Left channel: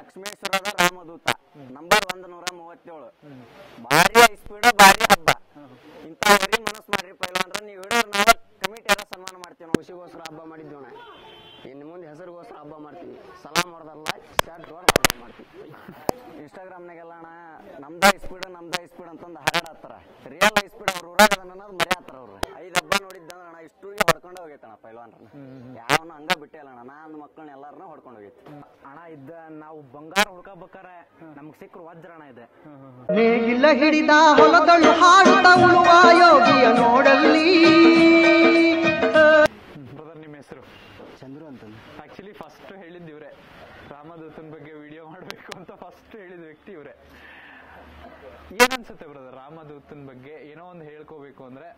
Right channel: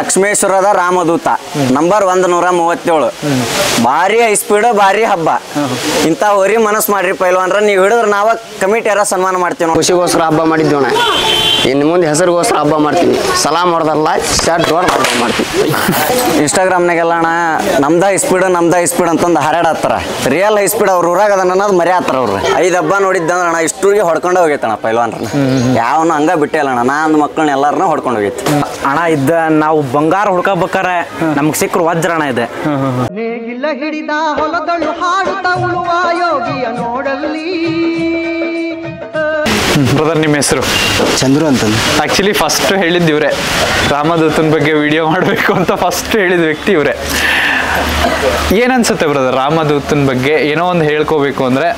ಲಕ್ಷ್ಮೇಶ್ವರದ ರಾಮದೂತ number 137 ಭಾರಿ high speed ಭಾರಿ ಹಬ್ಬ ಇಂತ ಹೋರಿ ಮನಸ್ಸು ಮಾಡ್ರಿ ಪೈಲ್ವಾನ್ರ ನೀವು ಹಿಡಿದ್ರೆ ನಾವ ಕಮಿಟಿಯರ ಸನ್ಮಾನ ಮಾಡ್ತೀವಿ ನಾವು ಖುಷಿಗೋಸ್ಕರ ಹಬ್ಬ ಮಾಡಿದ್ದೇವಣ ಇನ್ನು ಮುಂದೆ ಹೆಸರಿಗೋಸ್ಕರ ಹಬ್ಬ ಮಾಡ್ತೀವಿ ಸಲಾಮ್ ಹೊಡೆದಲ್ಲ ಶರ್ಟ್ ಹೊಡೆದು ಹಬ್ಬ ಮಾಡ್ತೀವಿ ಇನ್ಸ್ಟಾಗ್ರಾಮ್ನಾಗೆಲ್ಲ ಅಣ್ಣ ನಮ್ದ ಹೈ ಸ್ಪೀಡ್ ಅಂತಂದು ಹರಡತ್ತಾರ ರಿಯಲ್ ಹೈ ಸ್ಪೀಡ್ ಅವ್ರ ಊರಾಗ ಅದನ್ನ ಅನ್ನೋದು ಮರ್ಯಾತಾರ ಅವ್ರು 5 ಹಬ್ಬ ನೋಡಿದ್ದಂದ್ರೆ ಅಣ್ಣ ಇಷ್ಟೂರಿಗೆ ಹೊಡ್ಕೊಂಡು ಹೋಗೈತಣ್ಣ ಪೈಲ್ವಾನ್ರನ್ನ ಯಾವನು ಹಂಗ ಬಿಟ್ಟೆ ಅಲ್ಲ ಅಣ್ಣ ನಾನು ಮಕ್ಕಳನ್ನ ಎಲ್ಲಾರನ್ನ ಹೊಡ್ಕೊಂಡು ಹೋಗೈತಿ ಅಣ್ಣ ಇದ್ದ ನಾವು ಬಂಗಾರ ಹುಡ್ಕೋಬೇಕಾರೆ ನಮ್ಗೆ ಸಿಕ್ಕರು ವಜ್ರಣ ಇದೆ ನೇಗಿಲ ಹಿಡಿದ ಹೊಲದಳು ಹಾಡುತ್ತ ಉಳುವ ಯೋಗಿಯ ನೋಡಲ್ಲಿ. ಬ್ರದರ್ ನಿಮ್ಮ ಹೆಸರು? ಚಂದ್ರು ಅಂತಂದು. ಆಕ್ಚುಲಿ ಫಸ್ಟ್ ಹೇಳಿದ್ದು ಇವರೇ, ರಾಮದೂತನ ಬಗ್ಗೆ ವಿಡಿಯೋ ಮಾಡಬೇಕು ಅಂತ ಫಸ್ಟ್ ಹೇಳಿದ ವ್ಯಕ್ತಿ ಇವರೇ. ಏನನ್ಸುತ್ತೆ ಬ್ರದರ್ ರಾಮದೂತನ ಬಗ್ಗೆ ಏನೋ ಒಂದು ಹೇಳ್ಕೋಬೇಕು ಅಂದ್ರೆ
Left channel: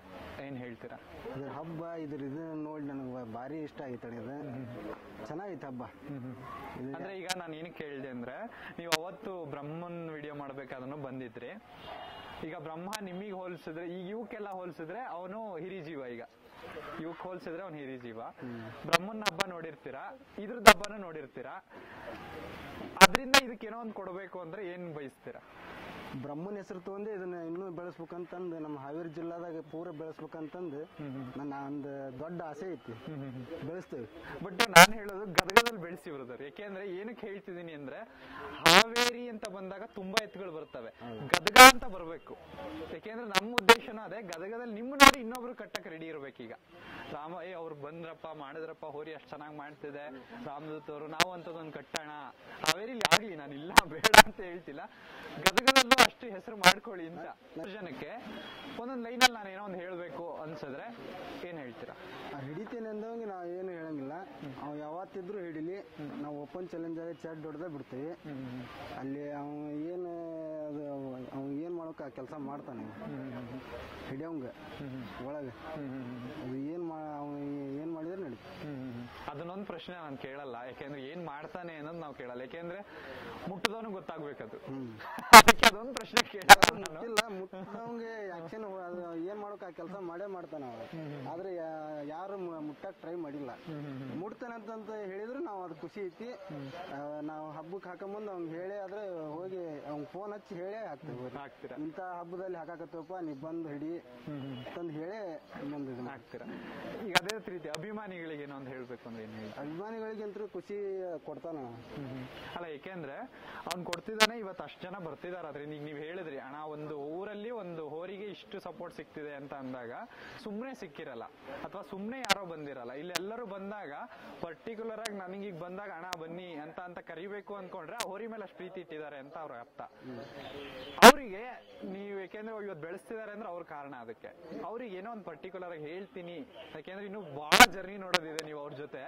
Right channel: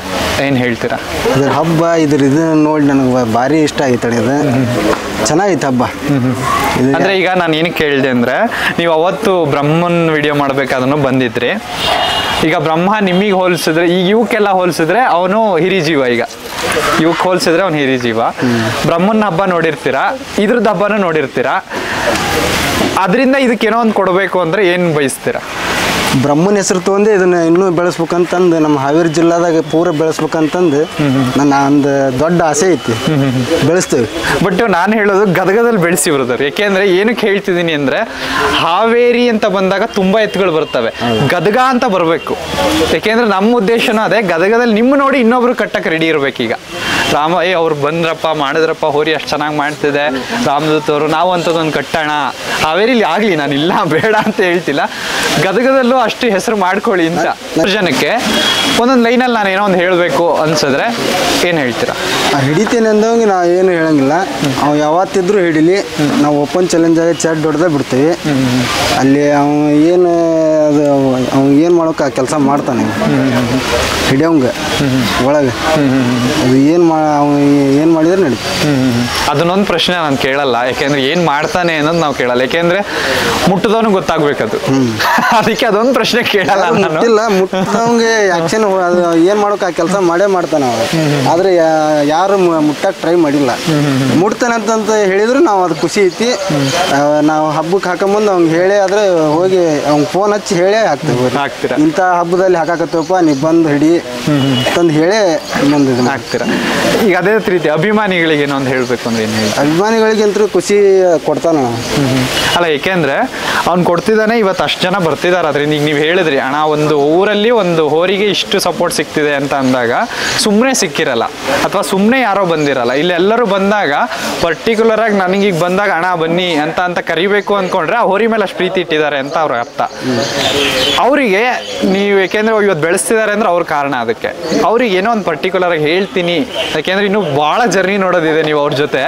ಏನು ಹೇಳ್ತೀರಾ? ಇದ್ರ ಹಬ್ಬ ಇದು ನೋಡಿ ನನಗೆ ಭಾರಿ ಇಷ್ಟ ಆಗೈತೆ ಇದು ಚೆನ್ನಾಗಿತ್ತು ಹಬ್ಬ. ಅಂದ್ರೆ ಈಗ ನಾನು ಏನಕ್ಕೆ ಕೇಳಿದೆ ಅಂದ್ರೆ ನೀವು ಅವತ್ತು ಬ್ರಹ್ಮನ್ ವಿಡಿಯೋ ಮಾಡ್ಬೇಕಾದನ್ನು ಬಂದಿದ್ರಿ. ಈಗ ಬ್ರಹ್ಮ ನಿಮಗೆ ಹೋಲಿಸಿದ್ರೆ ಈಗ ಇವಕ್ಕೆಲ್ಲ ಹೋಲಿಸಿದ್ರೆ ಅವನು ಹಿರಿಜೀವ, ಈಗ ಇವಕ್ಕೆ ಹೋಲಿಸಿದ್ರೆ ಅವನು ಹಿರಿಜೀವ. ಬ್ರಹ್ಮನ್ ಹಬ್ಬ ನೋಡಿರ್ತೀರಾ, ಇದ್ರದ್ದು ಹಬ್ಬನೂ ನೋಡಿರ್ತೀರಾ. ಅದರಿಂದ ಇದಕ್ಕೇನೋ ಒಂದು ಕೊಡಬೇಕು ಅಂದ್ರೆ ಏನು ಬಯಸ್ತೀರಾ? ಬ್ರಹ್ಮನ ಹೆಸರು ತೊಗೊಂಡು ಇದನ್ನ ಇನ್ನೂ ಬೆಳೆಸ್ಬೇಕಂತಂದು ನಮ್ಮ ಹಾವೇರಿ ಜಿಲ್ಲಾದಾಗ ಪೂರ ಬೆಳೆಸ್ಬೇಕಂತಂದು ನನ್ನ ಒಂದು ದೊಡ್ಡ ಆಸೆ ಐತಿ. ಬೆಳೆಸ್ತೇವೆ. ಬಟ್ ನಾನು ಹೇಳೋದು ಗದಗದಲ್ಲಿ ಬೆಳೆಸಿ ಬ್ರದರ್. ಯಾಕೆಂದ್ರೆ ಏನಕ್ಕೆ ಹೇಳ್ತಿದ್ದೀನಿ ಅಂದ್ರೆ ಹಾವೇರಿ ಅಂತ ಬಂದಾಗ ತುಂಬಾ ಎತ್ತುಗಳು ಬರ್ತವೆ, ಗದಗ ಅಂತ ಬರಬೇಕು. ಯಾಕೆಂದ್ರೆ ನಮ್ಮ ಉದ್ದೇಶನೂ ಅದೇ, ಗದಗದಲ್ಲಿ ನಿಮ್ಮ ನೋಡಿ ಇನ್ನೊಬ್ರು ಕಟ್ಟಕ್ಕೆ ರೆಡಿ ಇರ್ಬೇಕೀಗ. ಅವ್ರು ಬಂದ್ರಪ್ಪ ಮಾಡಿದ್ರಪ್ಪ ಹೋರಿ ಅಷ್ಟು ಚೆನ್ನಾಗಿ ಮಾಡ್ತಿದೆ ರಾಮದೂತ್ ಅವರು, ನಾವು ಅಂಥದ್ದೊಂದು ಕಟ್ಟೋಣ ಹಾವೇರಿಲಿ ಆಗಲಿ. ನಾನು ಇಲ್ಲ ಬೇಡ ಅಂತ ಹೇಳ್ತಿಲ್ಲ, ಗದಗದಲ್ಲೂ ಅಷ್ಟು ಹೆಸರು ಮಾಡ್ಕೊಳ್ಳಿ ಅಂತ. ಜನಕ್ಕೆ ಒಂದೊಂದು ಲೈನಲ್ಲಿ ನಾನು ಏನೋ ಒಂದು ಹೇಳಬೇಕು ಅನ್ಸಿದ್ರೆ ಏನು ಹೇಳ್ತೀರಾ? ಹಿಡಿತೇನೆ ಅಂದವಂಗೆ ನಾವು ಏನು ಹೇಳಂಗಿಲ್ಲ. ಅವ್ ಯಾವತ್ತಿದ್ರು ಹಿಡಿಲಿ, ನಾವು ಓಪನ್ ಚಾಲೆಂಜಾಗಿ ಚಡ್ ಹೊಡೆದೇ ಬಿಡ್ತೀವಿ. ಅಲ್ಲಿ ಏನು ಅದು ಏನು ಮಾಡೋಕೆ ಆ ಕೆಲಸ ಮಾಡ್ತಾನೆ ಹಿಡಿಯೋಂಗೆ ಒಳಗೆ. ಅದು ಏನು ಮಾಡಿದ್ರೆ ನಡೀತು. ಅದನ್ನೊಂದು ಪ್ರಶ್ನೆ ನಾನು ಕೇಳಲ್ಲ, ಯಾಕೆಂದ್ರೆ ಏನು ಮಾಡ್ತಾನೆ ಅನ್ನೋದು ನಾವು ಕೇಳಲ್ಲ. ಯಾಕೆಂದ್ರೆ ಮುಟ್ಟದವನು ಗೊತ್ತಾಗ್ಬೇಕದು, ಅದಕ್ಕೆ ಅದೊಂದು ಪ್ರಶ್ನೆ ಕೇಳಲ್ಲ. ಮುಟ್ಟಿಲ್ಲ, ಮುಟ್ಟದವಂಗೆ ಆಕ್ಷನ್ ಅದು ಏನು ಮಾಡೋಕೆ ಆ ಕೆಲಸ ಮಾಡೇ ಮಾಡ್ತಾನೆ ಅವ. ಆದರೆ ಯಾರು ಮುಟ್ಟಕ್ಕೆ ಟ್ರೈ ಮಾಡಿಲ್ಲ. ಮುಟ್ತಾನೆ ಅಂತಂತ ಹೇಳಿದ್ರು ನಾವು ಅದು ಖುಷಿ ಐತಿ. ನಾವು ಹಬ್ಬಕ್ಕೆ ಹಾಕೊಂಬಂದು ಅವ್ನಿಗೆ ಹೇಳೇ ಆದರೆ ಹೋಗಿ ಅವ್ನಿಗೆ ಫೋನ್ ಹಚ್ಚಿ ಹೇಳೇ ಹಾಕ್ತೇವೆ. ಇಂಥ ಹಬ್ಬದಲ್ಲಿ ಹಾಕಾಕತ್ತೇವಪ್ಪ ನೀವು ಬಂದು ಹಿಡಿ ತಂದು ಹೇಳೇ ಬಂದಿದ್ದು ಹಾಕ್ತೀರಾ. ಈಗ ಅದೇ ರೀತಿ ಅಭಿಮಾನಿಗಳಿಗೆ ಏನೋ ಒಂದು ಹೇಳಬೇಕು ಅಂದ್ರೆ ಏನು ಹೇಳಿ? ಅಭಿಮಾನಿಗಳಿಗಂತೂ ಖುಷಿ ಕೊಡ್ತಾನ ಅಲ್ಲ, ಏಕೆಂದ್ರೆ ಅವ್ನು ಕೊಡ್ತಿದ್ದಾನೆ, ಇವತ್ತು ಅಷ್ಟು ಜನ ಬರ್ತಿದ್ದಾರೆ. ಅದರಿಂದ ಈಗ ನೀವು ಹೇಳಿದ್ರಿ ಅಣ್ಣ ಒಂದು ಊರಲ್ಲಿ ಒಂದು ಹೋರಿಗೆ ಇಷ್ಟು ಸಪೋರ್ಟ್ ಸಿಗ್ತಿದೆ ಅಂತ ಅಂದಾಗ ಸುಮ್ಮನೆ ಸಿಕ್ಕಿರಲ್ಲ, ಅಥವಾ ಸುಮ್ಮನೆ ಯಾರೋ ಬಂದಿರಲ್ಲ. ಇಲ್ಲಿ ಎಲ್ಲರೂ ಬಂದಾಗ ಪರ್ಟಿಕ್ಯುಲರ್ ಆಗಿ ನನಗೀಗ ಬಂದಾಗ ಅಣ್ಣ ಬನ್ನಿ ಅಂತ ಕರಿಬೇಕು ಅಂದ್ಕೊಂಡ್ರೆ ಆ ಹೋರಿ ಮೇಲೆ ಅಷ್ಟು ಪ್ರೀತಿ ಇಟ್ಟಿದ್ದಾರೆ ಅಂತ ಅವ್ರ ಅರ್ಥ. ಅವರಿಗೆ ನೀವು ಯಾಕೆಂದ್ರೆ ಇವತ್ತು ಬೆಳೆಸ್ತಿದ್ದಾರೆ ಅಂದ್ರೆ ಅವ್ರ ಕಾರಣ. ಅದಕ್ಕೆ ಅವ್ರಿಗೆ ಏನೋ ಒಂದು ಪರ್ಟಿಕ್ಯುಲರ್ ಆಗಿ ಹೇಳ್ತೀನಿ, ಯಾಕೆಂದ್ರೆ ಇನ್ನೂ ಭಾಳ ಜರ್ನಿ ನೋಡೋದಿದೆ ನೀವು ಅವ್ರ ಜೊತೆ,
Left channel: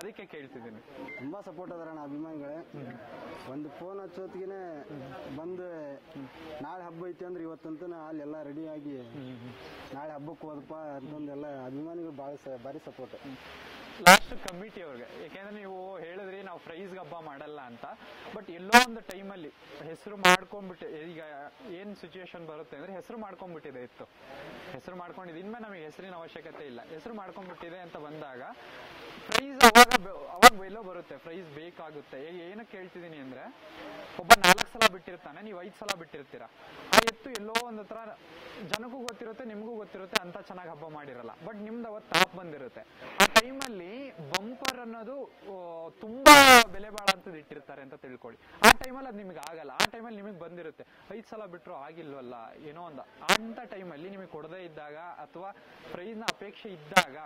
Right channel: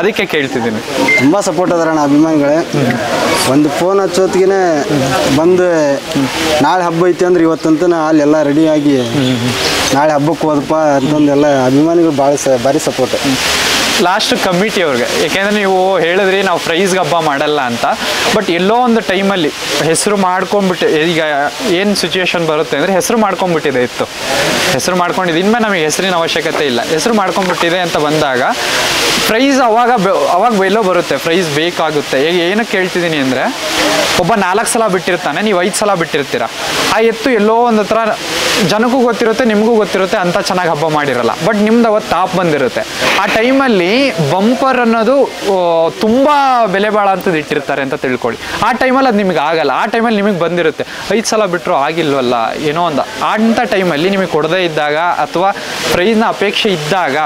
ಅದಕ್ಕೆ ಕೇಳ್ತಿದ್ದೀನಿ. ತುಂಬ ಸಪೋರ್ಟ್ ಅದಾರಣ್ಣ ಅಭಿಮಾನಿಗಳೇ. ಒಂದು ಫೋನ್ ಹಚ್ಚೋತ್ತಿಗೆ ಬಂದು ನಾಳೆ ಹಬ್ಬ ಐತಿ ಅಂದ್ರೆ ಇವತ್ತಂತ ಅಲ್ಲೆಲ್ಲ ರೆಡಿಯಾಗಿ ನಾಳೆ ಹಬ್ಬಕ್ಕೆ ಹೋದಪ್ಪ ಅಂತಂದೆಲ್ಲ ಅಭಿಮಾನಿಗಳು ಭಾರಿ ಸಪೋರ್ಟ್. ಲಾಸ್ಟ್ ಕಮಿಟಿ ಅವ್ರಿಗೆ, ಯಾಕೆಂದ್ರೆ ನೀವು ಹೇಳಿದ್ರಿ ನಾವು ಪ್ರೈಸ್ಗೆ ಹಬ್ಬ ಮಾಡಲ್ಲ ಅಂತ. ಬಟ್ ಎಲ್ಲೋ ಒಂದು ಟೈಮಲ್ಲಿ ಹೆಸರು ಮಾಡ್ಕೊಂಡ್ಬಿಟ್ಟು, ಈಗ ಏನು ಸಿಚುವೇಶನ್ ಬರುತ್ತೆ ಅಂದರೆ ಹೆಸರು ಮಾಡ್ಕೊಂಡ್ಬಿಟ್ಟಿದೆ ಇತ್ತು, ಹೆಸರು ಮಾಡ್ಕೊಂಡಿದ್ದು. ಇನ್ಮೇಲೆ ನಮಗೆ ಹೆಸರಿನ ಅವಶ್ಯಕತೆ ಇಲ್ಲ, ಹೆಸರು ಮಾಡ್ಕೊಂಡ್ಬಿಟ್ಟಿದೆ ಅಂತ ಬಂದಾಗ ಪ್ರೈಸ್ ಅವಾಗ ಎಲ್ಲೋ ಬರುತ್ತೆ, ಪ್ರೈಸ್ ಬೇಕಾಗುತ್ತೆ. ಈಗ ಏನಕ್ಕೆ ಕೇಳ್ತಿದ್ದೀನಿ ಅಂದರೆ ಒಬ್ಬ 4 ಸಲ ಬಿಟ್ಟಿರ್ತಾನೆ, ನೀವು 5 ಸಲ ಬಿಟ್ಟಿರ್ತೀರ. ಆ ಎತ್ತು ಎಲ್ಲೋ ಒಂದು ಹತ್ರ ಜನಕ್ಕೂ ಗೊತ್ತಿರುತ್ತೆ, ನಿಮಗೂ ಗೊತ್ತಿರುತ್ತೆ, ಅಂತ ಚೆನ್ನಾಗಿ ಹಬ್ಬ ಮಾಡಿರಲ್ಲ. ಬಟ್ ನಿಮ್ದು ಅವತ್ತು ಟಾಪ್ ಬಂದಿರುತ್ತೆ. ಆ ಟೈಮಲ್ಲಿ ಬಂಪರ್ ಅನ್ನೋದು ತುಂಬಾ ಬೆಲೆ ಬಾಳ ಅಂತದ್ದು ಇಟ್ಟಿರ್ತಾರೆ ಅಂತ ತಿಳ್ಕೊಳ್ಳಿ. ಆ ಟೈಮಲ್ಲಿ ಅದು ನಿಮ್ಗೆ ಆಗಲ್ಲ. ಆ ಟೈಮಲ್ಲಿ ನಿಮಗೆ ಬಂದಿರುತ್ತೆ 5 ಸಲ ಬಿಟ್ಟರು ಆಗಿಲ್ವಲ್ಲ ಏನೋ ಒಂದು. ಅಂಥ ಟೈಮಲ್ಲಿ ನಿಮಗೆ ಕೊಡದೇ ಇದ್ದಾಗ ಅಥವಾ ಪ್ರೈಸ್ನ ಅಪೇಕ್ಷೆ ಇದ್ದಾಗ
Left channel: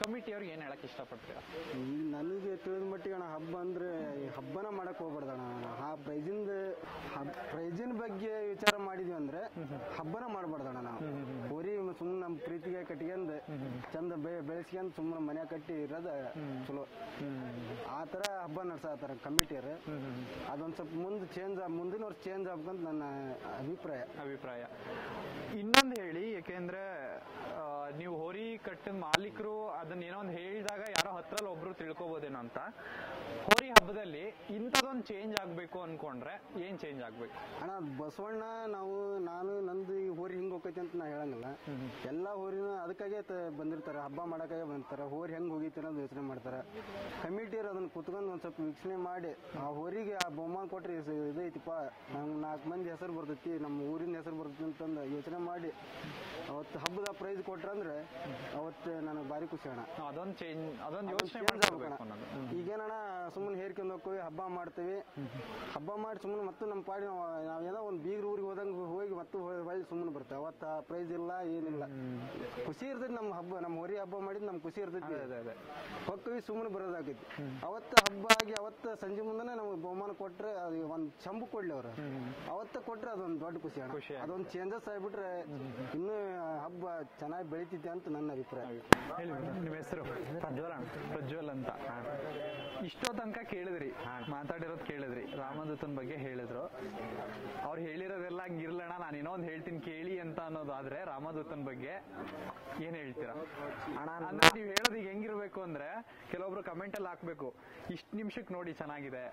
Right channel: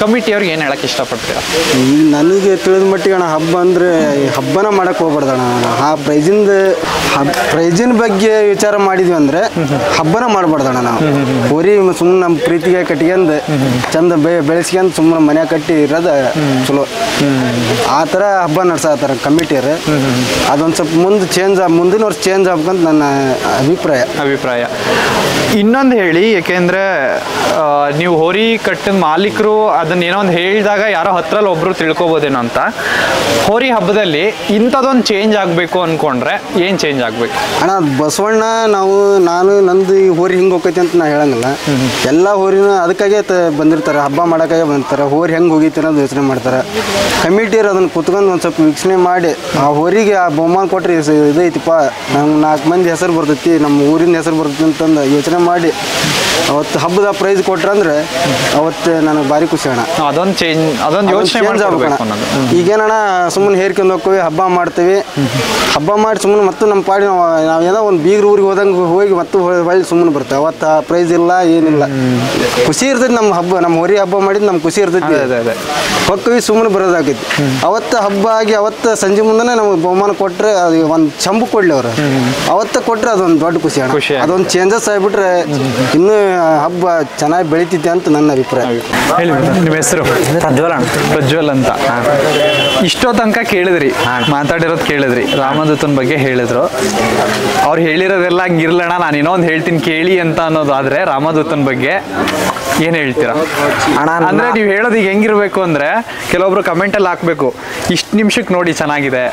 ಕಮಿಟಿಯವ್ರಿಗೆ ಏನು ಹೇಳಕ್ಕೆ ಇಷ್ಟಪಡ್ತೀರಾ? ನನಗೆ ತಿಳಿದ ಮಟ್ಟಿಗೆ ಅಣ್ಣ ಹಬ್ಬ ಅಂದರೆ ಹಬ್ಬನ ಮಾಡಕ್ಕೆ ಹೋಗ್ಬಾರ್ದಣ್ಣ. ಆ ಪ್ರೈಜಿನ ಬಗ್ಗೆ ವಿಚಾರ ಮಾಡಿದ್ವಿ ಅಂದರೆ ಹಬ್ಬನ ಮಾಡಬಾರ್ದಣ್ಣ. ನಾವು ಹೋರಿ ಸುಮ್ಮನೆ ನಮ್ಮ ಪ್ರೀತಿಗೆ ಕಟ್ಕೊಂಡು ಚಂದ ಬೆಳೆಸ್ಕೊಂಡು ಸುಮ್ಮನೆ ಮನೆ ಕಟ್ಟಿ ಇರೋದು ಚಲೋ. ಆ ಥರ ಹಬ್ಬ ನಡ್ಸತ್ತಾರ ಕಮಿಟಿಯರು. ಅದೊಂದು ಸ್ವಲ್ಪ ಮುಂದಿನ ವರ್ಷ ಚೇಂಜ್ ಆಗ್ಬೇಕಂತ ನನ್ನ ಅಭಿಪ್ರಾಯ. ಇನ್ನೊಂದು ಹೇಳಿ, ಯಾಕೆಂದ್ರೆ ನೀವು ಹೋರಿ ಕಟ್ಟಿದ ಮಾಲೀಕರು ಅದನ್ನ ಏನೋ ಒಂದು ಹೇಳಿದಾಗ ಯಾರೋ ಹತ್ರಲ್ಲಿ ಒಬ್ರು ತಿಳ್ಕೊಬೋದೇನೋ ಅಂತ. ಹೋರಿ ಹಬ್ಬದಲ್ಲಿ ಇಂಥದ್ದೊಂದು ಚೇಂಜ್ ಆಗಬೇಕು ಅನ್ಕೊಂಡ್ರೆ ಏನು ಚೇಂಜ್ ಆಗಬೇಕು ಅಣ್ಣ? ಬಸವಣ್ಣ ನಾನು ನಂದು ಈ ಹೋರಿ ಹಿಂಗೆ ಹೋಗೈತಿ ಅಂತ ನಾ ಹೇಳಂಗಿಲ್ಲ. ಎಲ್ಲ ಹೋರಿನ ಅದಕ್ಕಾಗೆ ಬಂದಿರ್ತಾರೆ, ಹಬ್ಬ ಮಾಡೋಕ್ಕಾಗೆ ಬಂದಿರ್ತಾರೆ. ಹೋರಿ ಹೆಂಗೆ ಹೋಗೈತಿ ಅನ್ನೋದು ಅನ್ನೋದು ಯೋಚನೆ ಮಾಡ್ತಾರೆ. ಕಮಿಟಿಯರು ಅದನ್ನು ಕುತ್ಕೊಂಡು ಒಂದು ಸ್ವಲ್ಪ ವೀಕ್ಷಣೆ ಮಾಡಿ ಆ ಹೋರಿಗೆ ಆ ಬಹುಮಾನ ಕೊಟ್ಟರೆ ಇದೈತಿಪ್ಪ, ನಮ್ಗೆ 4 ಮಂದಿ ಹೆಸರು ಬರ್ತೈತಿ, ನಮ್ಮ ಊರಿನ ಹೆಸರು ಬರ್ತೈತಿ ಅಂತಂದು ಯೋಚನೆ ಮಾಡಿ ಅವತ್ತು ಹಬ್ಬದ ಪ್ರೈಸ್ ಕೊಟ್ರಂದ್ರೆ ಅವತ್ತು ನನಗೆ ಭಾರಿ ಖುಷಿ ಅಣ್ಣ. ಅದೊಂದು ಯೋಚನೆ ಈಗೇನಣ್ಣ ಸುಮ್ಮನೆ ಹೇರ್ಕೊಂಡು ಹೋಗ್ತೀವಿ, ಹಬ್ಬ ಮಾಡ್ತೀವಿ, ಹಬ್ಬ ಮಾಡಿ ಸುಮ್ಮನೆ ಮತ್ತು ನಮ್ಮ ಪಾಡಿ ನಾವೇನೋ ಒಂದು ಬೀಗ್ರ ಊರಿಗೆ ಹೋದಂಗೆ ಹೋಗಿ ಮತ್ತು ಹೊಳ್ಳಿ ಸುಮ್ಮನೆ ಬರ್ತೇವೆ. ಅವತ್ತು ಆ ಪ್ರೈಸ್ ಇಲ್ಲ, ಏನಿಲ್ಲ, ಖುಷಿ ಇರ್ತೈತಿ. ನಮ್ಮ ಹಬ್ಬ, ನಮ್ಮ ಹೊರಿ ಹಬ್ಬ ಮಾಡಿದ್ದು ನಮ್ಗೆ ಖುಷಿ ಇರ್ತೈತಿ. ಹೊಕ್ಕವಿ ಸುಮ್ಮನೆ ಬರೋದಾಕೈತಿ. ಅವತ್ತು ಹಬ್ಬ ಆಗಿ ಅವತ್ತು ಸಂಜೆ ಮುಂದೆ ನಮಗೆ ಬಹುಮಾನ ಕೊಟ್ಟರೆ ಅದು ಒಂದು ಚಂಬು ಕೊಡ್ಲಿ ಅವರು, ಅವತ್ತು ಕೊಟ್ಟರೆ ಅದೊಂದು ದೊಡ್ಡ ಖುಷಿ ಅಣ್ಣ. ಅದೊಂದು ಚೇಂಜಸ್ ಆಗಿಬಿಟ್ರೆ ಇನ್ನೂ ಹಬ್ಬ ಚೆನ್ನಾಗಿ ಬೆಳಿತೈತಿ ಅಂತ ನನ್ನ ಅಭಿಪ್ರಾಯ. ಹೇಳಿ ನಿಮ್ಮ ಹೆಸರು? ಪ್ರಜ್ವಲ್ ಅಂತ. ಇಷ್ಟೋ ತನಕ ಕೇಳಿದ್ರಿ, ಮಾತಾಡಿರೋದು ಕೇಳಿದ್ರಿ, ರಾಮದೂತನ ಬಗ್ಗೆ ಹೇಳಿದ್ರು. ಅವ್ರು ಹೇಳಿರೋದೆಲ್ಲ ಹಂಗಿರ್ಲಣ್ಣ, ನಾನು ಇನ್ನೊಂದು ಹೇಳ್ತೀನಿ ಕೇಳಿ ಅಂತ ಅನ್ನೋದಾದ್ರೆ ರಾಮದೂತನ ಬಗ್ಗೆ ಏನು ಹೇಳ್ತೀರಾ ಅಣ್ಣ? ಅಂದ್ರೆ ನೀವು ಹೇಳೋದು ಈಗ ಹೆಂಗಿರ್ಬೇಕು ಅಂದ್ರೆ ಕೆಲವೊಬ್ರು ಕಮೆಂಟಲ್ಲಿ ಹಾಕ್ಬೇಕು, ಇಷ್ಟು ನಿಮಿಷಕ್ಕೆ ನೋಡಿ ಚೆನ್ನಾಗಿದೆ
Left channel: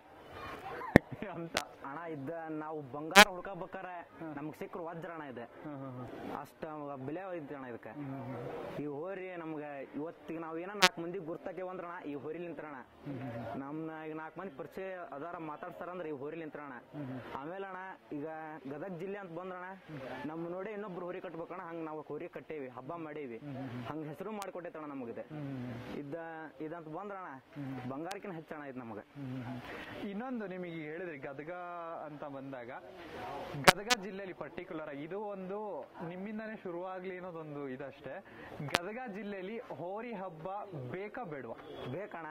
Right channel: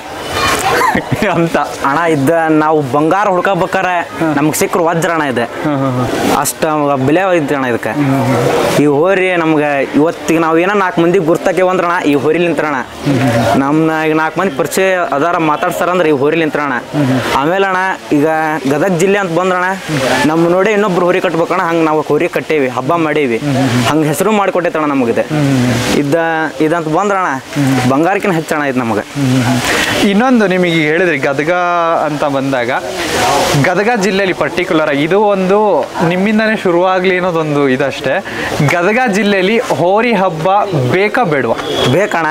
ಅಂತ ಅಣ್ಣ. ಇದ್ದ ನಾವು ಬಂಗಾರ ಹುಡ್ಕೋಬೇಕಾರೆ ನಮ್ಗೆ ಸಿಕ್ಕರು ವಜ್ರ ಅಣ್ಣ ಇದೆ, ಅಷ್ಟು ಬೆಲೆ ಐತಿ ಅಣ್ಣ ಇದಕ್ಕೆ. ಈ ಹೋರಿ ನಮ್ಗೆ ಇವತ್ತಿಗೆ ನಾವು ಏನೋ 4 ಮಂದಿಗೆ ಗುರ್ತಾಕೆ ಅಂದ್ರಣ ಈ ಹೋರಿಲಿ ನಿಂತ್ರಣ. ನಮ್ಮನ್ನ ಈಗ 4 ಮಂದಿ ಪರಿಚಯ ಅದಾರ ಮಾತಾಡ್ತಾರಂದ್ರೆ ಈ ಹೋರಿಲಿ ನಿಂತ್ರಣ. ಆಮೇಲೆ ಅಣ್ಣ ಈಗ ಗದಗ ಜಿಲ್ಲೆ ಅಂತ ಬಂದ್ರಣ, ನಮ್ಮ ನೋಡಿ ಇನ್ನೊಬ್ರು ಹೋರಿ ಕಟ್ಬೇಕಣ್ಣ, ಹಂಗೆ ನಾವು ಹೋರಿ ಕಟ್ಟೇವಿ, ಹಬ್ಬ ಮಾಡೇವಿ, ಹಂಗೆ ಹೆಸರು ಮಾಡಿಕೊಟ್ಟೈತಣ್ಣ ನಮಗಿದೆ. ಇದಂತ ಬಂದ್ರಣ ಬಂಗಾರಕ್ಕಿನ ಹೆಚ್ಚಣ ಇದು ನಮಗೆ. ಇನ್ನೊಂದು ನಿಮಗೆ ಹೇಳಿದ್ರಿ ಗದಗ ಅಂತ ಬಂದಾಗ, ಗದಗ ಜಿಲ್ಲೆಯಲ್ಲಿ ಪರ್ಟಿಕ್ಯುಲರ್ ಆಗಿ ಇದು ಒಂದು ನಿಮ್ಮಿಂದಾನೇ ಶುರುವಾಗ್ಲಿ ಅನ್ನೋದೊಂದು ಇದಷ್ಟೇ. ಗದಗ ಜಿಲ್ಲೆಯಲ್ಲಿ ಹೋರಿ ಹಬ್ಬ ಬೇಕಾ ಬೇಡವಾ? ಬೇಕಣ್ಣ.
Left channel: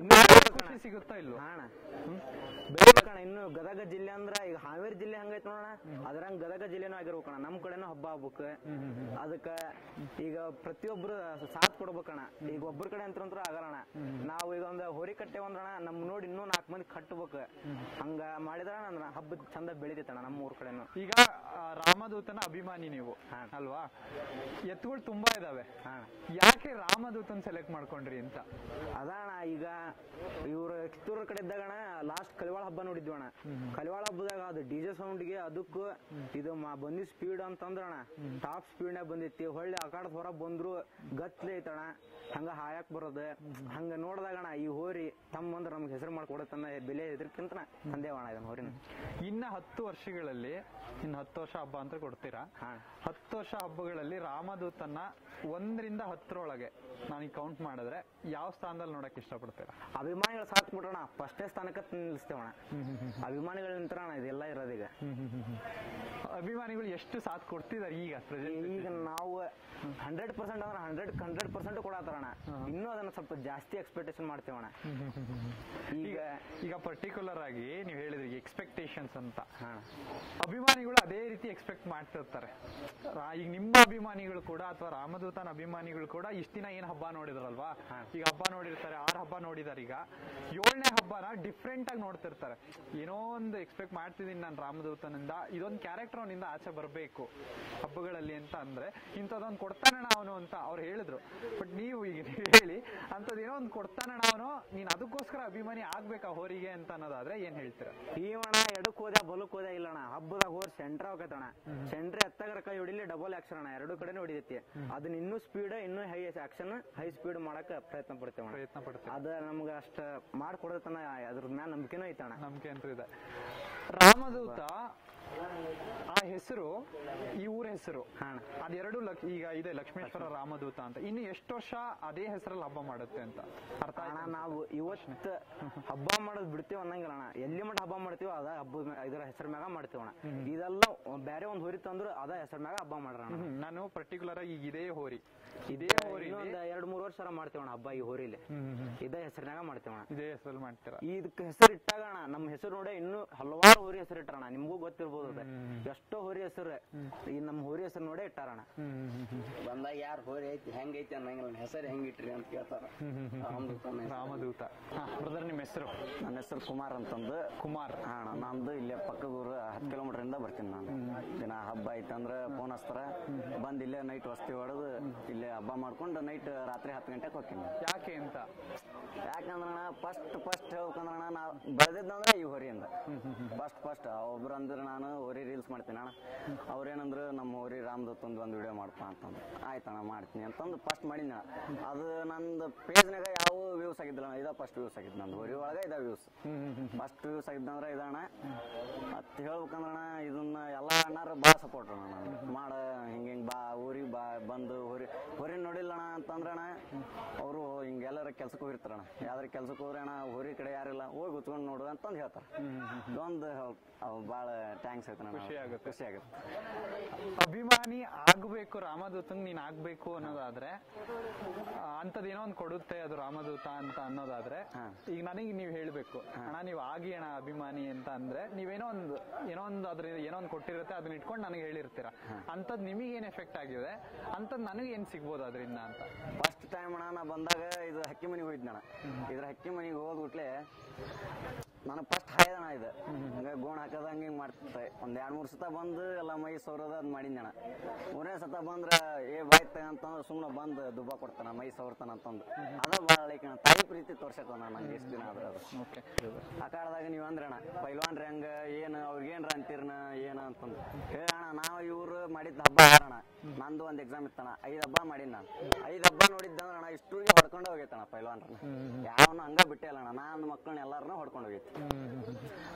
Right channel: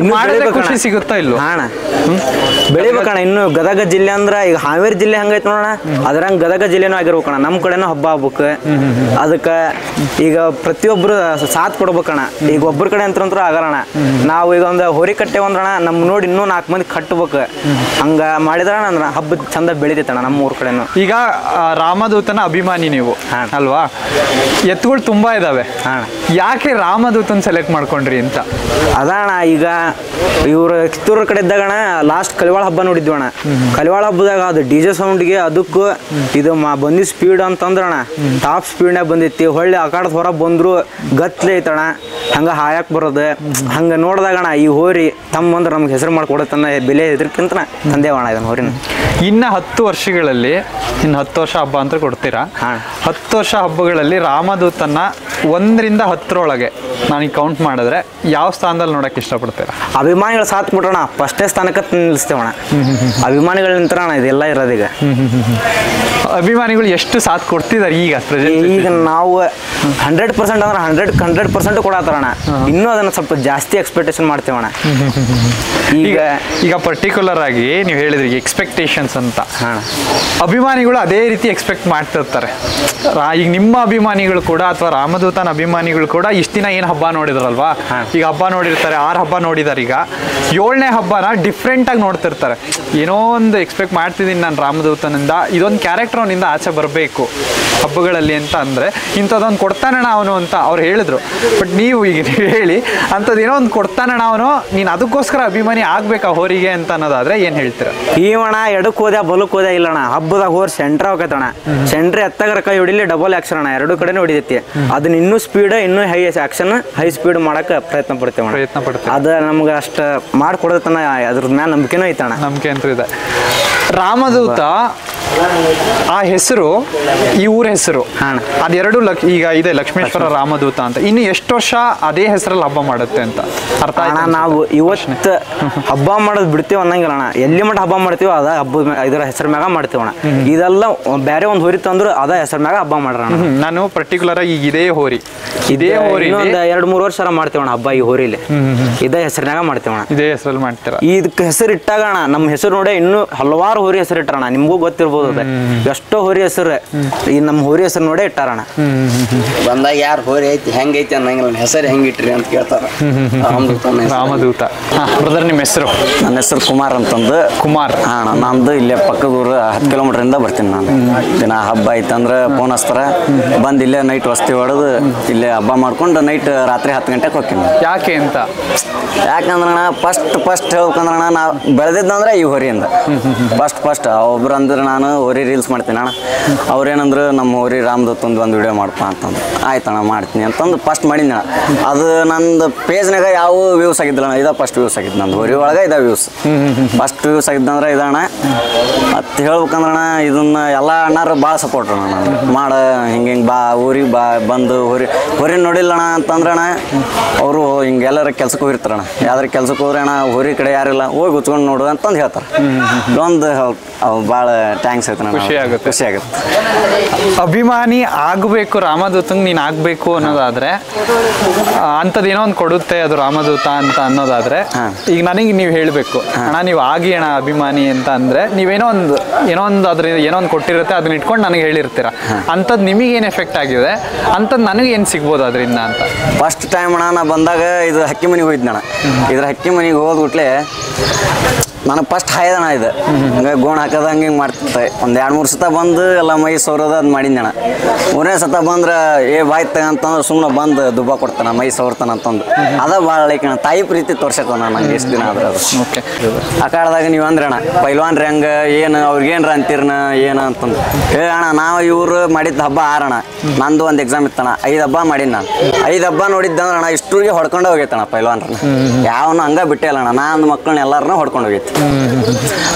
ಇನ್ನು ಖುಷಿ ಸಿಗುತ್ತಾ ಇಲ್ವ ಅಣ್ಣ? ಬೆಳಿಬೇಕಣ್ಣ. ಇನ್ನು ಗದಗ ಜಿಲ್ಲೆ ಅಂದ್ರೆ ಈಗ ಹಾವೇರಿ ಜಿಲ್ಲೆ ಹಂಗೈತೆ ನೋಡೋಣ, ಅದ್ರಂಗೆ ಗದಗ ಜಿಲ್ಲೆನೂ ಆಗಿರ್ಬೇಕಣ್ಣ. ನಮ್ಮ ಕಡೆನೂ ಹಬ್ಬ ಆಗ್ಬೇಕು. ಅದಕ್ಕೆ ಈಗ ಪ್ರತಿಯೊಬ್ಬರು ಸಾಥ್ ಕೊಡ್ಬೇಕಣ್ಣ. ಈಗ ಒಬ್ಬರ ಕಡೆ ಅಂತಂದ್ರೂ ಆಗಲ್ಲಣ್ಣ. ನಾವು ಈಗ ಒಂದು ಹೋರಿ ಕಟ್ಟೇವಂದ್ರಣ, ನಮ್ಮ ನೋಡಿ ಇನ್ನೂ 4 ಮಂದಿ ಕಟ್ಬೇಕು. ಹಂಗ ಮಾಡಿದ್ರ ಅಂದ್ರೆ ಹಬ್ಬ ಚಂದ ಬೆಳಿತೈತಣ್ಣ ನಮ್ಮ ಊರ್ ಕಡೆನು. ಈಗ ರಾಮದೂತನ ಅಭಿಮಾನಿ ನೀವು ಅಲ್ವಾ? ಎತ್ತುಗಳು ತುಂಬಾ ಇದಾವೆ, ಯಾಕೆ ರಾಮದೂತನ್ ಸೆಲೆಕ್ಟ್ ಮಾಡ್ಕೊಂಡ್ರಿ ಅಂತ? ಅದಣ್ಣ ಈಗ ಇವ್ರ ಕಿತ್ತೂರ ಕಡೆ ಇದ್ದಾಗಣ ಲಾಸ್ಟ್ ಕಲಿವಾಳ ಹಬ್ಬ ನೋಡಿದ್ವಣ್ಣ. ಕಲಿವಾಳ ಹಬ್ಬದಾಗ ಅದು DJ ಸೌಂಡ್ಗೆ ಅದಕ್ಕೂ ಇದು ಬಂದಿ ಸ್ಪೀಡ್ ಅಂತಂದ್ರಣ ಟಾಪ್ ಸ್ಪೀಡ್ನಾಗ ಬಂದೈತಿ. ಹೊಳ್ಳಿ ಆಕಾಡದ ಹೊರ ಬಂದ್ರು ಗತ್ಲೆ ಐತಣ್ಣ, ಹಂಗ ಹಾಯಕ್ ಬರೋದು. ಹಂಗ ನೋಡ್ದಾಗಣ ಈ ಹೋರಿ ತಮ್ಮ ಅಂದ್ರೆ ನಮ್ಗೆ ಹೆಸರು ಮಾಡ್ಕೊಡತ್ತನ್ನ ಬೆಲೆ ಇದಕ್ಕಿಂತ ತಂದೇವಣ ಇದನ್ನ ಹೋರಿನ. ಇನ್ನು 10 ವರ್ಷಗಳಲ್ಲಿ, ಇನ್ನು 10 ವರ್ಷ ಹಬ್ಬ ಅಂತ ಕೊಡ್ತೀರಾ. 10 ವರ್ಷ ಹಬ್ಬಗಳಲ್ಲಿ ರಾಮದೂತನ್ನ 1 ರಿಂದ 10 ನನಗೆ ಕೌಂಟ್ ಮಾಡಿದ್ರೆ ಯಾವ ಸ್ಥಾನದಲ್ಲಿ ನೋಡಕ್ ಇಷ್ಟಪಡ್ತೀರಾ? ಅಭಿಮಾನಿಗಳು ಸಾಥ್ ಬಿಟ್ರಣ ಫಸ್ಟೇ ಸ್ಥಾನಕ್ಕೆ ನಿಲ್ಲಿಸ್ತೇವಣ. ಅಭಿಮಾನಿಗಳ ನಿಂತ್ರಣ ಇದೆಲ್ಲ ಇರೋದೀಗ. ಅಭಿಮಾನಿಗಳು ಎಷ್ಟು ಸಾಥ್ ಕೊಡ್ತಿದ್ದಾರೆ ಈಗ ಪ್ರೆಸೆಂಟ್? ಈಗ ನಾವು 100% ಅಂದ್ರೆ 100% ಕೊಡತ್ತಾರಣ. ಇನ್ನೂ ಅದನ್ನ ಸ್ವಲ್ಪ ಜಾಸ್ತಿ ಎಕ್ಸ್ಪೆಕ್ಟೇಷನ್ ಮಾಡ್ತೇವಣ. ಈಗ ಪರ್ಟಿಕ್ಯುಲರ್ ಆಗಿ ನೀವು ಹೇಳಿದ್ರಿ ಎಕ್ಸ್ಪೆಕ್ಟೇಷನ್ಸ್ ಅಂತ, ಅಭಿಮಾನಿಗಳು ಅದೇ ರೀತಿ ಎಕ್ಸ್ಪೆಕ್ಟ್ ಮಾಡ್ತಿರ್ತಾರೆ. ಈಗ ನಿಮ್ಮ ಅಭಿಮಾನಿಗಳು ಕೂಡ ಅಥವಾ ರಾಮದೂತನ ಅಭಿಮಾನಿಗಳು ಕೂಡ ಇಷ್ಟು ದಿನ ಏನು ಹಬ್ಬ ನೋಡಿದ್ರಲ್ವಾ, ಈಗ ಹಬ್ಬ ನೋಡಿರ್ತಾರೆ, 6 ಹಬ್ಬ ನೋಡಿದಾರೆ. ಈಗ 7ನೇ ಹಬ್ಬನ ಡಿಫ್ರೆಂಟ್ ಆಗಿ ನೋಡ್ತಿರ್ತಾರೆ. ಏನೋ ಒಂದು ಎಕ್ಸ್ಪೆಕ್ಟ್ ಮಾಡ್ತಿದ್ದೀನಿ ನಾನು ರಾಮದೂತನಿಂದ, ಇದೊಂದು ಕ್ಯಾರೆಕ್ಟರ್ ಅವನಿಂದ ಆಚೆ ಬರಬೇಕು ಹಬ್ಬಗಳಲ್ಲಿ ಅಂತ ಅಂದ್ರೆ ಇಂಥದ್ದೊಂದು ಕೊಡ್ತಾನಣ್ಣ ಅವನು ಅಂತ ಅವ್ರು ಹೇಳಿದ್ರು. ಬಟ್ ನೀವು ಈಗ ಹೇಳಿ ಅಂಥದ್ದು ಏನೋ ಒಂದು ಕೊಡ್ತಾನಣ್ಣ ಅವನು, ನೀನು ಅದಕ್ಕೋಸ್ಕರ ಅಭಿಮಾನಿ ಆಗ್ಬೇಕಾ ಹೋರಿಗೆ ಅಂತ ಅನ್ನೋದಾದ್ರೆ ಏನ್ ಹೇಳ್ತೀರ? ಈವಣ ಎಡಕ್ಕೆ ಹೋದ ಬಲಕ್ಕೆ ಹೋದ ಇಲ್ಲಣ್ಣ. ಹಬ್ಬದಾಗ ಹೋರ್ ಸೆಂಟ್ರ್ ಹೋಗತ್ತಣ್ಣ. ಸೆಂಟ್ರ್ ಎತ್ತಾಗರ ಕೈ ಹೊಡಿಲಿ ಡಬಲ್ ಆಕ್ಷನ್ ಅಣ್ಣ, 2 ಕಡೆನೂ ಹೊಡಿತೈತಿ. ಅದನ್ನ ಇನ್ನೂ ಸ್ಪೀಡ್, ಇನ್ನೂ ಹೈ ಆಕ್ಷನ್, ಹೈ ಸ್ಪೀಡ್ ಮಾಡಕ್ಕೆ ಪ್ರಯತ್ನ ಪಡ್ತೇವೆ. ಅದು ನಮ್ಗೆ ಅಷ್ಟು ಮಾಡ್ಕೊಡತನ, ಅದ್ರ ಮ್ಯಾಲ ನಂಬಿಕೆನೂ ಐತಣ್ಣ. ನಂಬಿಕೆ ಅಂತ ಇದೆ. ರಾಮದೂತ ಆ ಹೆಸರು, ಈ ಊರ ಹೆಸರು ಅದೆರಡು ಈಗ ಇದೆ ಲಕ್ಷ್ಮೇಶ್ವರ ರಾಮದೂತ ಅಂತ. ಇನ್ನು ಎಷ್ಟು ವರ್ಷ ಅದೇ ಹೆಸರಲ್ಲಿ ಹಬ್ಬ ಮಾಡುತ್ತೆ ಅಂತ ಅರ್ಥ ಆಯ್ತಾ? ನಾವು ಇವತ್ತು ಹಬ್ಬ ಮಾಡೋದು ಬಿಡ್ತೀವಿ ಅನ್ನಂಗಿಲ್ಲ ಅಣ್ಣ. ಎಲ್ಲಿ ಮಟ್ಟ ಹಬ್ಬ ಮಾಡ್ತೀವೋ ಅದ ಹಬ್ಬ ಇದರ ಹೆಸರು ಮ್ಯಾಗ ಮಾಡ್ತೀವಣ್ಣ. ಇದೆಲ್ಲ ಬೇರೆ ಒಂದು ಹೋರಿ ತಂದ್ರು ಅದ ಹೆಸರು ಮ್ಯಾಗ ಹಬ್ಬ ಮಾಡ್ರಣ. ನಾನು ಪರ್ಟಿಕ್ಯುಲರ್ ಆಗಿ ಈಗ ಇದೇ ಹೋರಿ ಇನ್ನೊಂದು 2-3 ವರ್ಷ ಮಾಡ್ತೀವಣ್ಣ ಹಬ್ಬ ಈ ಹೋರಿಲಿ. ಇದೇ ಹೆಸರಿನಾಗ ಮಾಡ್ತೀವಣ್ಣ. ಇದೇ ಹೆಸರಲ್ಲಿ ಮಾಡ್ತೀರಾ? ಇದಕ್ಕೆ ಹೆಸರು ಇಟ್ಟಾಗಣ ನಮ್ಮ ಹೆಸರು ನೋಡಿ ಇನ್ನೂ ಹಲವಾರು ಹೋರಿ ಹೆಸರು ಇಟ್ಟಾರಣ. ನಿಮ್ಗೂ ಗೊತ್ತಿರ್ಬೋದು ಎಷ್ಟೋ ಹೋರಿ ಹೆಸರು ಈ ನಮ್ಮ ಹೋರಿ ಹೆಸರು ನೋಡೇ ಇಟ್ಟಾರಣ. ಬಂದಾಗ ಯಾರು ಹೋರಿ ಐತಿ ಹೆಂಗೈತಿ ಅನ್ನಂಗಿಲ್ಲ, ಹೆಸರು ಹೆಂಗಿಟ್ರಿ ಅಂತ ಕೇಳ್ತಾರ. ರಾಮದೂತ. ಬ್ರದರ್ ನಿಮ್ಮ ಹೆಸರು? ನನ್ನ ಹೆಸರು ಕುಮಾರ್ ಅಂತಂದು. ಕುಮಾರ್. ನಂದು ಇಲ್ಲೇ ಪಕ್ಕದ ಊರು 10 ಕಿಲೋಮೀಟರ್ ಇಂದ ಬರ್ತೀನಿ ನಾನು. ದಿನ ಹಬ್ಬ ಐತಂದ್ರೆ ಫೋನ್ ಹಚ್ತಾರ, ಬಂದು ಇಲ್ಲೇ ನೈಟ್ ವಸ್ತಿ ಹೊಡೆದು ಇಲ್ಲೇ ಹಬ್ಬ ಮಾಡ್ಕೊಂಡು ನೈಟ್ ರಾತ್ರಿ 10 ಗಂಟೆಗೆ ಹೋಗ್ತೀನಿ. ಯಾಕೆ ಅಂತ? ಯಾಕಂದ್ರಣ ಫಸ್ಟ್ ಹೇಳ್ಬೇಕಂದ್ರಣ ನಾವು ಬೆಳೆದಿದ್ದಂದ್ರೆ ಈ ಹೋರಿಯಿಂದ ಫಸ್ಟ್ ಒಬ್ರು ಅಂದ್ರೆ ನಾನು ನಾನು ಹೋರಿ ರೀಲ್ಸ್ ಮಾಡ್ತೀನಿ ಅಣ್ಣ. ಅವ್ರೇನಂದ್ರು ನಮ್ಮ ಹೋರಿ ರಾಮದತ್ತೊಂದು ಒಂದು ವಿಡಿಯೋ ಮಾಡಪ್ಪ ಅಂತಂದು. ಆಯ್ತಣ್ಣ ಮಾಡ್ತೀನಿ ಅಂತಂದು ಫಸ್ಟ್ ಮಾಡಿದ್ನ. ಅದು ನಂದು ಪೇಜ್ನಾಗ ಯಾವ ವ್ಯೂಸ್ ಆಗಿದ್ದಿಲ್ಲ ಅಣ್ಣ, ಇದ ಫಸ್ಟ್ ವ್ಯೂಸ್ ಆಗಿದ್ದು ನಂದು ಹೋರಿ ಒಳಗೆ ಇದ ವ್ಯೂಸ್ ಫಸ್ಟ್ ವ್ಯೂಸ್ ಆಗಿದ್ದಂದ್ರೆ ಇದಣ್ಣ. ಮತ್ತು ಹೇಳ್ಬೇಕಂದ್ರಣ್ಣ ಇದನ್ನ ಎಲ್ಲ ಅಣ್ಣಾರು ಭಾಳ ಸಪೋರ್ಟ್ ಅಣ್ಣ. ಮಾಡ ಹಿಂಗೆ ಬಾ ಊರಿಗೆ ಬಂದು ಹೊರಿ ನೋಡಿಲ್ಲಣ್ಣ ಅಂತಂದ್ರಣ್ಣ ಅವರು ಹಿಂಗೆ ಎಲ್ಲರ ಕೆಲ್ಸಕ್ಕೆ ಹೋಗಿರ್ತಾರಣ್ಣ. ಯಾವ್ದಾರು ಕೆಲ್ಸಕ್ಕೆ ಹೋದ್ರೆ ಅಣ್ಣ ಹೊರಿ ಕಡೆ ಯಾರಿಲ್ಲ ಹೋಗಿ ಉಚ್ಕೊಂಡು ನೋಡು ಅಂತಂದು ಹೇಳ್ತಾರೆ. ಒಂದು ಭಾಳ ಥ್ಯಾಂಕ್ಸ್ ಆಯ್ತು ಖುಷಿ ಆಗುತ್ತೆ. ಖುಷಿ ಆಗುತ್ತೆ. ಅಭಿಮಾನಿ ಆಗಬೇಕು ರಾಮದೂತಂಗೆ ನೀನು ಆಗಬೇಕು ಅನ್ನೋದಾದ್ರೆ ಅಂಥದ್ದು ಏನೋ ಒಂದು ಕೊಡುತ್ತೆ ಅದು ರಾಮದೂತ ಅಂತ ಅನ್ನೋದಾದ್ರೆ ಈಗ ನನಗೆ ನೀವು ಹೇಳಬೇಕು ಅಣ್ಣ ನೀವು ಆಗಿ ಅಣ್ಣ ಅಭಿಮಾನಿ ಅಂತ ಅಂದರೆ ನೀವೇನೋ ಒಂದು ಅದ್ರಿಂದ ಏನೋ ಒಂದು ಕೊಟ್ಟಿರುತ್ತೆ ಅದನ್ನ ಇಟ್ಕೊಂಡು ನನಗೆ ಹೇಳಿರ್ತೀರ. ಅಂಥದ್ದು ನಿಮಗೇನು ಎಫೆಕ್ಟ್ ಆಗಿದೆ ಅಂಥದ್ದು ನನಗೆ ಏನು ಸಿಗ್ಬೋದು ಅದರಿಂದ ಅಂತ. ಫಸ್ಟ್ ಟೈಮ್ ಅಣ್ಣ ನಾ ಬಂದಾಗ ಇದು ಹಕ್ಕಿ ಮನೆಗೆ ಹೋಗಿದ್ನಣ್ಣ. ಇದ್ರ ಹಕ್ಕಿ ಮನೆಗೆ ಹೋದ್ಬಿಟ್ಲೆ ನನಗೆ ಫಸ್ಟ್ ಹಾಯ್ದಣ ಇದು ಹಂಗೆ ಗೋಣ ಹಾಕೋದು ಹಂಗೆ ಮಾಡ್ತಿರ್ತೆ. ಒಂದು 2-3 ಸತ ಬಂದು ಎಲ್ಲ ಮೈ ಸೌರೋದು ಅದು ಮಾಡಿದ್ನಣ್ಣ. 3ನೇ ಸತ ಬಂದ್ರೆ ಬಾಯ್ತು ತಗಂತಂದ್ರೆ ಸುಮ್ಮನೆ ಬಂದು ದುಬ್ಬ ಕೊಡ್ತಾನೆ ಮೈ ಸೌರ್ತಾನೆ ಅಂತಂದು. ಅದ ಭಾಳ ಲೈಕ್ ಅಣ್ಣ ತಾಯಿ ಪ್ರೀತಿ ತೋರ್ಸಕ್ಕೆ ನಂಗೆ ಎಷ್ಟು ದಿನ ಆದ್ರೆ ಅದು. ಓಕೆ ಆ ಕಾಲದಾಗ ನೀವು ಅಂದ್ರೆ ಅಣ್ಣ ಪೈಲ್ವಾನ್ರಿ ಹಂಗೆ ಏನು ಅವ್ರಿಗೇನ್ರ ಅಂತೀರ್ನ ಏನು ಅಂತಂದು ಅಣ್ಣ ನಾವು ಇವರು ಮಾಡಿದ ಹಬ್ಬ ಆರಣ. ನಂದು ಒಂದು ಎಕ್ಸಾಮ್ ಇತ್ತಣ್ಣ, 5 ಹಬ್ಬ ಮಾಡೀನಿ ನಾನು. 5 ಹಬ್ಬ ನೋಡಿದ್ದಂದ್ರೆ ಅಣ್ಣ ಇಷ್ಟೂರಿಗೆ ಹೊಡ್ಕೊಂಡು ಹೋಗೈತಣ್ಣ ಪೈಲ್ವಾನ್ರನ್ನ. ಯಾವನು ಹಂಗೆ ಬಿಟ್ಟೇ ಇಲ್ಲ ಅಣ್ಣ. ನಾನು ಮಕ್ಕಳನ್ನ ಎಲ್ಲರನ್ನ ಹೊಡ್ಕೊಂಡು ಹೋಗೈತಿ.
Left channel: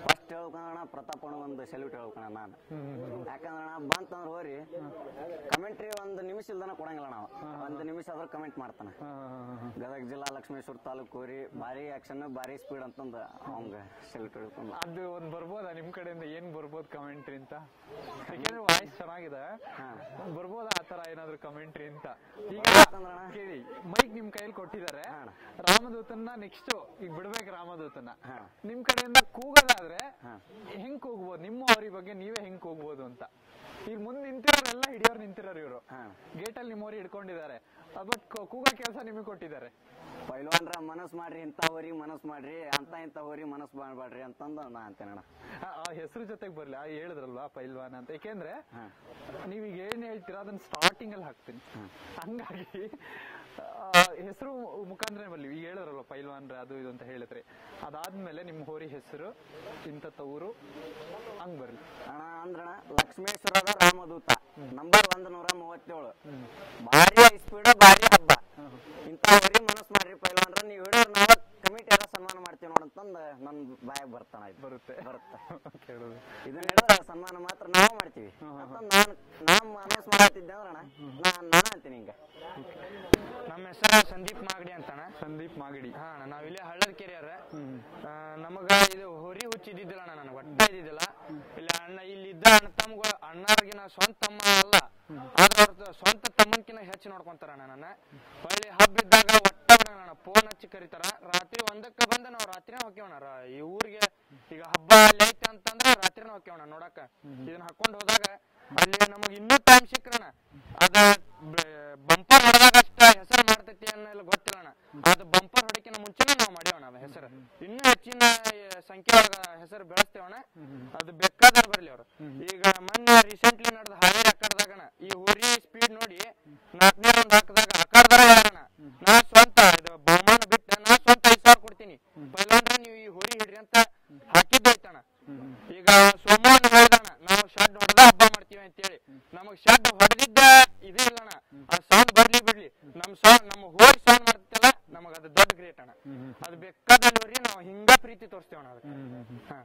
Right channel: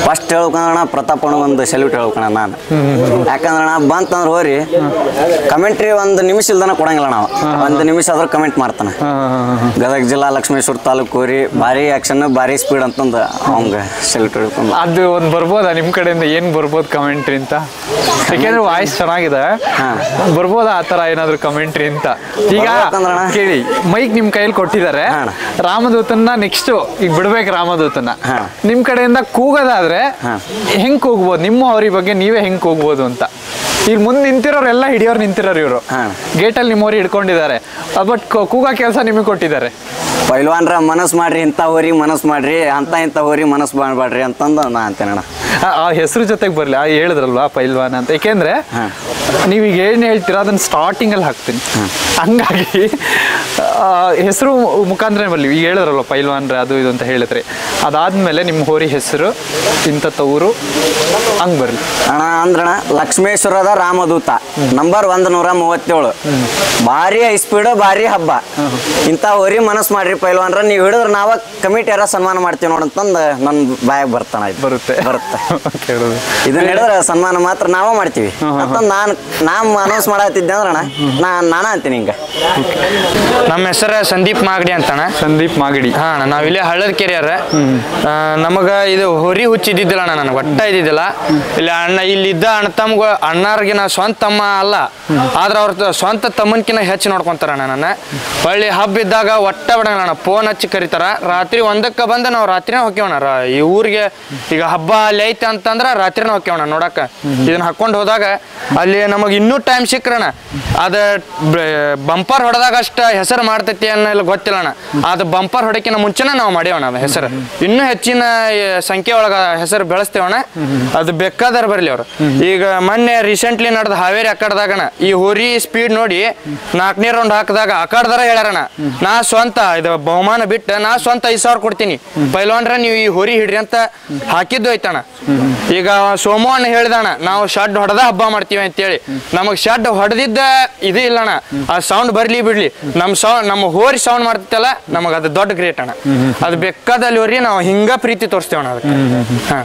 ಫಸ್ಟ್ ಹೇಳ್ಬೇಕಂದ್ರಣ ಪ್ರತಾಪಣ್ಣ ಒಂದು ಸೆಲ್ಯೂಟ್ ಹೇಳ್ಬೇಕಣ್ಣ ನಾನು. ಯಾಕಂದ್ರೆ ಅಣ್ಣ ಬಂತಂದ್ರೆ ಹೋರಿ ಕಮೆಂಟ್ರಿ 1 ನಿಮಿಷ ಇಲ್ದನ ಕೊಡಂಗಿಲ್ಲ ನಾವು. 1 ನಿಮಿಷ ಆದ್ರೂ ಕಮೆಂಟ್ ಮಾಡ್ತಾನೆ. ಗದಗ ಜಿಲ್ಲಾ ಲಕ್ಷ್ಮೇಶ್ವರ ತಾಲೂಕು ಹೋರಿ ಭಾರಿ ಆಕ್ಷನ್ ಭಾರಿ ಸ್ಪೀಡ್ ಅಂತಂದು ಅವಂಗೆ ಸೆಲ್ಯೂಟ್ ಹೇಳ್ಕೊಂಡು. ಅದು ಒಂದು ಬರ್ಬೋದಾ ನಿಮ್ಮ ಕಡೆಯಿಂದ ಏನು ಬರ್ಬೋದು ಕಮೆಂಟ್ರಿ ಅಂತ? ಯಾಕೆಂದ್ರೆ ವಾಯ್ಸ್ ಚೆನ್ನಾಗಿದೆ, ಬರ್ಬೋದಾ ಆ ಥರ ಏನಾದ್ರು ಕಮೆಂಟ್ರಿ ಅಂತ? ಈಗ ಕೇಳಿ ಮೈಕ್ ನಿಮ್ಮ ಕೈಯಲ್ಲಿ ಕೊಟ್ಟಿದ್ದಾರೆ, ರಾಮದೂತನ್ನ ನೆಕ್ಸ್ಟ್ ಈಗ ಬಿಡ್ಬೇಕು ರಾಮದೂತನ್ನ. ನಿಮ್ಮ ಕಡೆಯಿಂದ ಕೂಗೋದಾದ್ರೆ ಹೆಂಗ್ ಕೂಗ್ಬೋದು? ನಿಮ್ಮ ಅವ್ರ ಬಗ್ಗೆ ನೀವೇ ಹೆಂಗ್ ಕೂಗ್ಬೋದು ಅಂತ. ಈಗ ಮುಂದೆ ನಿಂತಿರೋರು ಎಲ್ಲ ಹಿಡಿಯೋರು ನಿಂತಿರೋರು ಇವರು ಗೇಟಲ್ಲಿ ನಿಮ್ಮವ್ರು ಹಿಡ್ಕೊಂಡಿದ್ದಾರೆ. ಬಟ್ ಕೂಗೋ ಕೆಲಸ ನಿಮಗೆ ಕೊಟ್ಟಿದ್ದಾರೆ. ಪೈಲ್ವಾನ್ರ ಮನಸ್ಸು ಮಾಡ್ರಿ, ಇಂಥ ಹೋರಿ ಮನಸ್ಸು ಮಾಡ್ರಿ, ಇಂಥ ಹೋರಿ ಮನಸ್ಸು ಮಾಡ್ಬೇಡ್ರಿ ಅಂತಂದು ನಾ ಅಂತೇನಣ್ಣ. ಆ ಹೆಸರು ಜೊತೆಗೆ ಬರಲಿ, ಹೇಳಿದ್ರಲ್ವಾ ಪೈಲ್ವಾನ್ ಅಂತ. ಏಕೆಂದ್ರೆ ನೀವೀಗ ಏನು ಹೇಳ್ತೀರಾ ಅದನ್ನ ಸ್ಟಾರ್ಟಿಂಗಲ್ಲಿ ಹಾಕ್ತೀನಿ. ಹಂಗಾಗಿ ಹೆಸರು ಮುಖಾಂತರ ಬರಲಿ. ಈಗ ಹೇಳಿದ್ರಲ್ವ ಪೈಲ್ವಾನ್ರೆ ಅದು ಇದು ಅಂತ ಹೇಳಿದ್ರಿ, ಅದಾದ್ಮೇಲೆ ನಿಮ್ಮ ಹೋರಿ ಹೆಸರು ಇಂಥ ಊರು ಹಂಗೆ ಬರಲಿ ಅಣ್ಣ. ಅಂದ್ರಣ್ಣ ಲಕ್ಷ್ಮೇಶ್ವರದ ರಾಮದೂತ ನಂಬರ್ 137 ಭಾರಿ ಹೈ ಸ್ಪೀಡ್ ಭಾರಿ ಹಬ್ಬ. ಇಂಥ ಹೋರಿ ಮನಸ್ಸು ಮಾಡ್ರಿ ಪೈಲ್ವಾನ್ರ, ನೀವು ಹಿಡಿದ್ರೆ ನಾವ ಕಮಿಟಿ ಯಾರ ಸನ್ಮಾನ ಮಾಡ್ತೀವಿ ನೋಡಂತಂದು ನನ್ನ ಬಾಯಾಗ ಬರ್ತಾನ ಬರುತ್ತೆ. ಇದನ್ನ ಹಿಡಿದ್ರೆ ಸನ್ಮಾನ ಮಾತ್ರ ನಾವ ಮಾಡ್ತೀವಿ ಅಂತಂದು ನಾನು ಅನೌನ್ಸ್ ಮಾಡತ್ತಿದ್ದೆ ಅಂದ್ರಣ್ಣ ನಾನು ಅಂತೀನಿ ಹಿಂಗ. ನಮ್ಮ ಹೆಸರು ಸಂದೀಪ್ ಮಾಗಡಿ ಅಂತಣ್ಣ. ಸಂದೀಪ್ ಮಾಗಡಿ. ಹಾ, ನಾವಿಲ್ಲಿ ಹಳ್ಳದ ಕೆರೆಯರ. ನಮಗ ಇದು ಹೊರಿ ಹುಚ್ಚಿದ್ದಿದ್ದಿಲ್ಲ ಅಣ್ಣ, ನನಗೆ ಒಟ್ಟ ಇದ್ದಿದ್ದಿಲ್ಲ. ಇಲ್ಲಿ ಇಲ್ಲಿದ್ದ ಅಣ್ಣ ತಮ್ಗ ಅಣ್ಣಾರ್ಗೆ ನಾ ಸ್ವಂತ ತಮ್ಮ ಅಲ್ಲ, ಆದ್ರೆ ಅವ್ರ ಸ್ವಂತ ತಮ್ಮನ್ಕಿನ ಹೆಚ್ಚು ನೋಡ್ಕೊಂತಾರಣ್ಣ ನನ್ನ. ಹೊಳ್ಳಿ ಹಬ್ಬ ಇದ್ದಾಗ ಒಟ್ಟ ಬಿಡಂಗಿಲ್ಲ, ಫೋನ್ ಹಚ್ಚಿ ಕರೀತಾರ. ರಾತ್ರಿ 1ಕ್ಕೆ ಬಂದು ನಾವು ರಾತ್ರಿನೇ ಹೋಗ್ಯವಣ ಈ ಊರಿಗೆ. ಈಗ ಹಬ್ಬ ಅಲ್ಲಿ ಐತೆ ಅಂತಂದ್ರೆ ರಾತ್ರಿನೇ ಹೋಗ್ಯವಣ ನೋಡಕ್ಕ. ಇದನ್ನ ಹಾಕೊಂಡು ಹೋದಾಗ ಅಲ್ಲಿ ನಮಗೆ ಇನ್ನೂ ಟೈಮ್ ಸಿಕ್ರಣ. ಅದ ಬಂಪರ್ ಹೊಡೆದಾಗ ಅಷ್ಟ ಹೆಸರು ಮಾಡ್ತೈತಿ ಅನ್ನೋ ಗೊತ್ತಿಲ್ಲಣ್ಣ. ಅದು ಬಂಪರ್ ಹೊಡಕಿನ ಮುಂಚೆನೇ ನಾವು ಮಾಡ್ಯವಣ ಅದು ಹೆಸರು. ಇನ್ನೂ ಹೆಚ್ಚಿನ ಸಂಖ್ಯೆ ಒಳಗ ಹೆಸರು ಬೆಳೆಸ್ತೇವಣ. ಅದು ಬೇಕಾದಾರ ಬರ್ಲಿ ಅವ್ರು. ಈಗ ಮೊನ್ನೆ ರೀಸೆಂಟ್ಲಿ ನಡೆದ ಹಾವೇರಿ ಅಕ್ಕಡ್ದಾಗಣ ಈ ಹೋರಿ ಸ್ಪೀಡ್ ನೋಡಿ 4ನೇ ರೌಂಡ್ ಹಾಕಿದಾಗ ಅಕ್ಕಡ್ದಾರ ಹೇಳ್ಯಾರಣ, ನಾ ಸ್ವಂತ ಇದು ಬಹುಮಾನ ಬಿಟ್ಟು ನಾ ಸ್ವಂತ 5,000 ಕೊಡ್ತೀನಿ ಪೈಲ್ವಾನ್ರ ನೀವು ಈ ಹೋರಿ ಹಿಡ್ರಿ ಅಂತ ಹಾಕಿದ್ದು ಐತಣ್ಣ. ಈಗ ಸೋಮಣ್ಣ ಹೇಳ್ದಣ್ಣ ನಾವು ಶಡ್ ಹೊಡೆದ ಹಬ್ಬ ಮಾಡ್ತೀವಿ ಅಂತೇಳಿ. ನಮಗ್ ಶಡ್ ಹೊಡೆದಿದ್ದ ಇದೇ ಇಲ್ಲಣ್ಣ, ಆ ಸೌಂಡ್ ಬರ್ಲಿ ಬಿಡ್ಲಿ, ನಮ್ಮ ಹೋರಿ ಸೌಂಡ್ ಮಾಡ್ತಿತ್ತಲ್ಲ ನಮಗ ಅದು ದೊಡ್ಡ ಗ್ರೇಟ್ ಅಣ್ಣ. ಅದು ಬೇಕಾದಲ್ಲಿ ಹೋರಿ ನಾವು ಹಿಂಗ ಪ್ರೀತಿ ತೋರಿಸ್ತೇವಣ್ಣ ಅದಕ್ಕೆ. ಹಾ.